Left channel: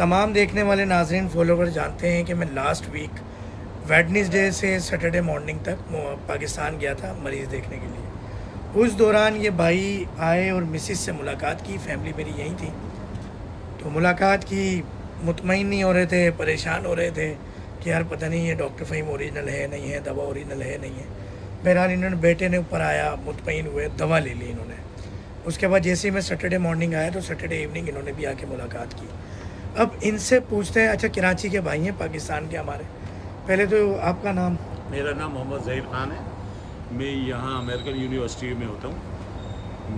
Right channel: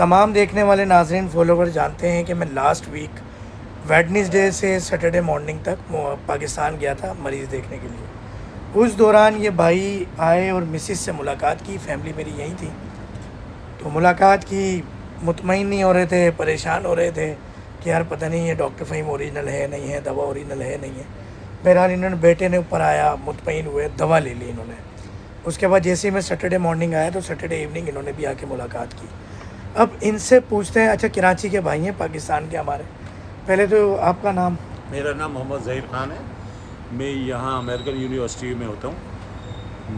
तमाम देखने वाले नाज़रीन फॉलोवर जानते हैं कि मैं लास्ट वीक वेडनेसडे से सैटरडे मॉर्निंग तक पाकिस्तान गया था मरीज़ देखने के लिए। उस दौरान ये भाई आए और मिसिस से मुलाकात की, फैमिली मेरी यहीं थी। तो मुलाकात की, मुतमईन नहीं हो रहे थे, परेशान हो रहे थे कि यार पता नहीं ये डॉक्टर फ़हीम ओरिजिनल है नहीं है, दवा ओरिजिनल है नहीं है। बहरहाल इन्होंने बेटे ने ऊपर आया, मुतमईन हुए, दवा ले ली इन्होंने। उसके बाद जैसे ही मैं सैटरडे मॉर्निंग आया तो सैटरडे इवनिंग इन्होंने भी आके मुलाकात की। अब इनसे पूछते हैं, अच्छा कराची के भाई हैं, पाकिस्तान के हमारे, पहले तो आपका नाम? मेरा नाम मोहम्मद ज़हीर ख़ान है। मैं यहाँ अमेरिकन यूनिवर्सिटी में होता हूँ।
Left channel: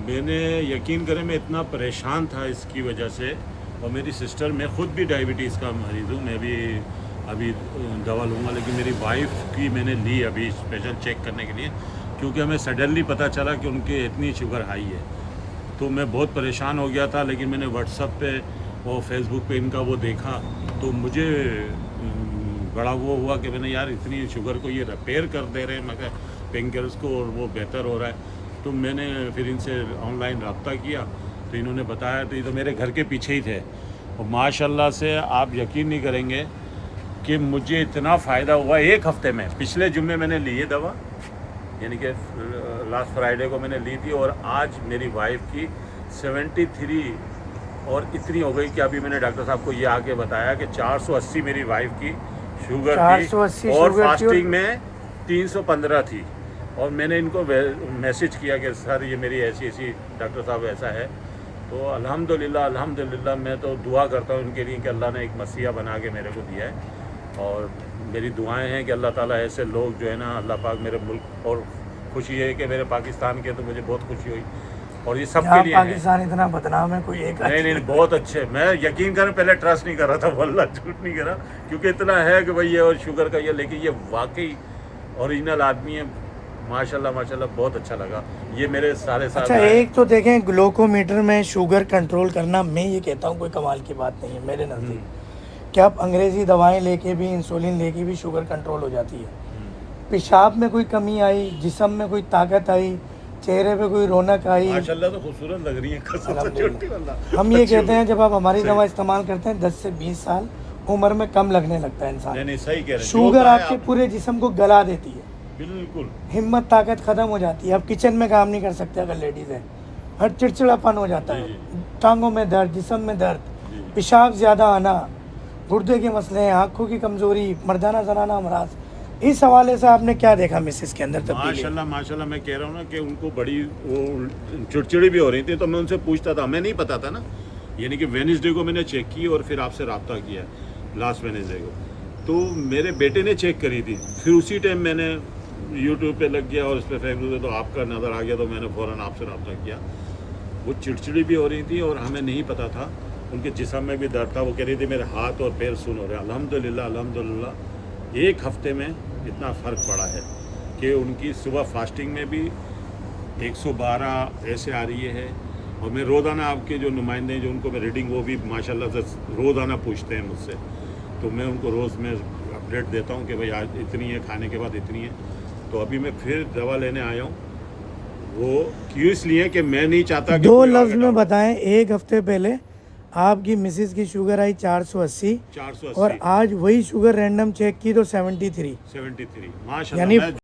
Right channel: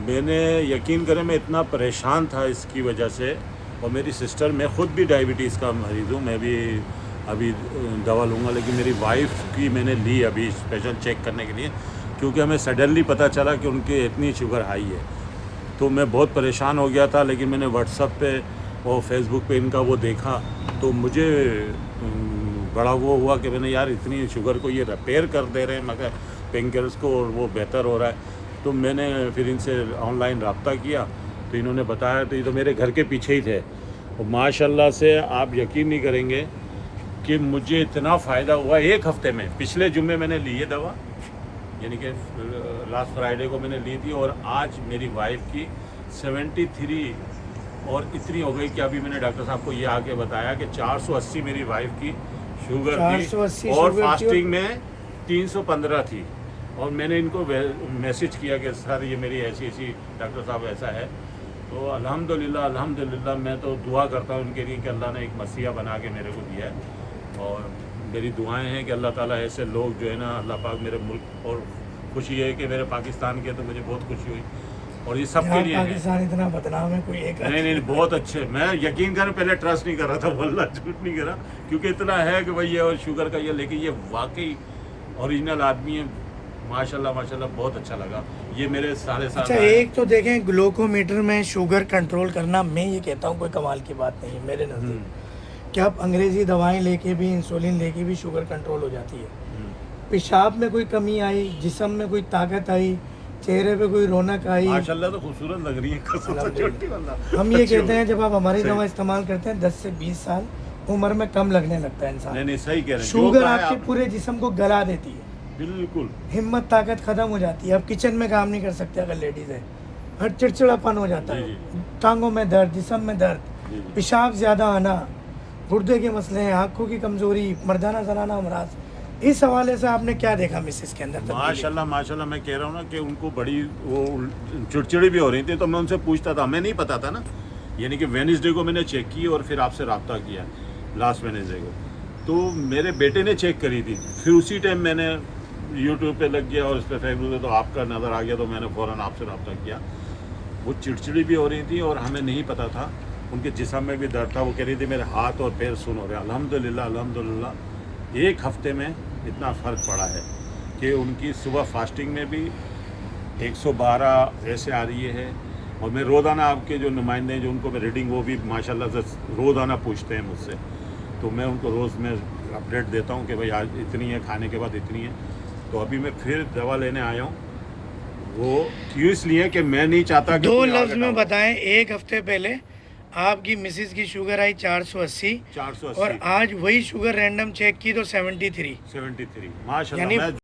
मैंने यकीन करें मैं इतना परेशान था इसकी वजह से, और मेरी सिस्टर, मैं ख़ुद भी डायबिटीज़ का मरीज़ हूँ, मैं भी अभी दवा लूँगा, लेकिन मेरी वाइफ की मैंने ली अभी स्पेशल चेक करने के लिए, क्योंकि हमें सडनली पता चला कि उनकी इतनी शुगर हाई है। तो मैं बहुत परेशान हो गया था, लेकिन मैंने व्हाट्सएप पे और फेसबुक पे इनका वो देखा तो मुझे बड़ा वो हुआ कि मैंने यार इतनी शुगर को ये रिपेयर कर दे रहे हैं मगर पेनकिलर्स को, और वो बेहतर हो रहा है। तो मैंने फिर इनसे ऑनलाइन रब्ता किया तो इन्होंने बताया, तो ये तो मेरे घर के पीछे ही थे, और माशाल्लाह से आप यकीन नहीं करेंगे कि मुझे इतना फ़ायदा हुआ एक हफ़्ते में। पिछले जुम्मे मैंने ली है दवा, यानी कि लास्ट फ्राइडे को मैंने ली थी, और आज मेरी वाइफ की 73 और इतनी हो गई कि अभी मैंने डॉक्टर साहब को ये आके बताया कि 480 मेरी वाइफ की शुगर थी, और फास्टिंग में 315 थी। और मैंने इनको मैसेज किया कि सर ये मेरी ऐसी ऐसी, डॉक्टर साहब ऐसा है। तो अल्हम्दुलिल्लाह अल्हम्दुलिल्लाह, मैं तो दुआ करता हूँ उनके लिए कि अल्लाह ने एक मसीहा बना के मेरे को दिया है, और मेरी दुआएं हैं कि अल्लाह ताला ऐसे लोग जो है ना, अल्लाह पाक मेरे मुल्क, और खुशी है कि मेरे पाकिस्तान के, तो मुझे बहुत खुशी हुई, और ये सब के लिए पाकिस्तान है। इतना बदनाम है कोई एक? नहीं, बहुत अच्छे। मैं यकीन कर पहले ट्रस्ट नहीं कर रहा था, वल्लाह झूठ नहीं करा, क्योंकि इतना है कि भाई ये और शुगर का ये, लेकिन ये वाकई ओरिजिनल आदमी है। माशाल्लाह माशाल्लाह, बहुत अच्छा लगा ये मेरे सारे साल। अच्छा, एक तो देखें ग्लूकोमीटर में शुगर कंट्रोल करना, मैं ये कहता हूँ कोई कमाल की बात नहीं है मेरे नज़दीक। क्या आप अंग्रेज़ी दवाएं लेके भी, इंसुलिन लेके भी शुगर कंट्रोल हो जाती है? पेशाब में कोई कमी आई, जिस्म में कोई ताकत आई, चेहरे पे कोई रौनक आई? माशाल्लाह तो खूबसूरत लग रही है। हम ये कहते हैं जब आप हमारी दवा इस्तेमाल करते हैं 10 से 20 साल उम्र में कम लगने लगता है इंसान। नहीं, सही कह रहे हैं। शुगर आपके पूरे जिस्म को गला देती है, बिल्कुल। हिम्मत ताकत खत्म हो जाती है, आप किचन में काम नहीं कर सकते अगर लेडीज है, हर चिड़चिड़ापन हो जाता है, टांगों में दर्द, जिस्म में दर्द, पेशाब ज्यादा आना, गुर्दे के मसले हैं, आंखों की कमजोरी, मर्दाना जनाना अमराज। इस हवाले से आपने क्या देखा मिसिस के अंदर? माशाल्लाह माशाल्लाह, मैं कह रहा हूँ ना कि उनको बड़ी वो चिड़चिड़ी भी हो रही थी, तो मैं उनसे पूछता था, हमें नहीं पता था ना, यानी कि वेडनेसडे को मैंने चेक की और फिर आपसे रब्ता किया लास्ट वेडनेसडे को। तो मेरे बेटे ने चेक करी थी, फिर उसी टाइम मैंने यूट्यूब पे लग गया और उस पर फेसबुक पे तो आपका नज़र आ गया, तो मैंने फ़ौरन आपसे रब्ता किया। वो चिड़चिड़ी भी हो रही थी और हमें नहीं पता था, उनके जिस्म में भी दर्द था। वो कह रही थी मेरे हाथ और पैर सुन हो रहे। अल्हम्दुलिल्लाह अल्हम्दुलिल्लाह, एक हफ्ते में इतना फ़र्क पड़ा है कि उनकी सुबह फास्टिंग में भी 112 ऐसे आ रही है, और मैं रोज़ाना आपके जो नुमाइंदे जो उनको मैं रीडिंग, वो भी माशाल्लाह से रोज़ाना पूछते हैं मुझसे, तो मैं उनको रोज़ में अपडेट देता हूँ कि भाई आज इतनी है, खाने के बाद इतनी है। तो अभी मैं फिर दवा लेने आया हूँ, वो क्यों इसलिए कि मैं नहीं चाहता कि 2 लफ्ज़ में बताएं, एक हफ्ते पहले आपकी मिसिस की शुगर आई 480 और आज वही शुगर रैंडम चेक की तो 73 माशाल्लाह।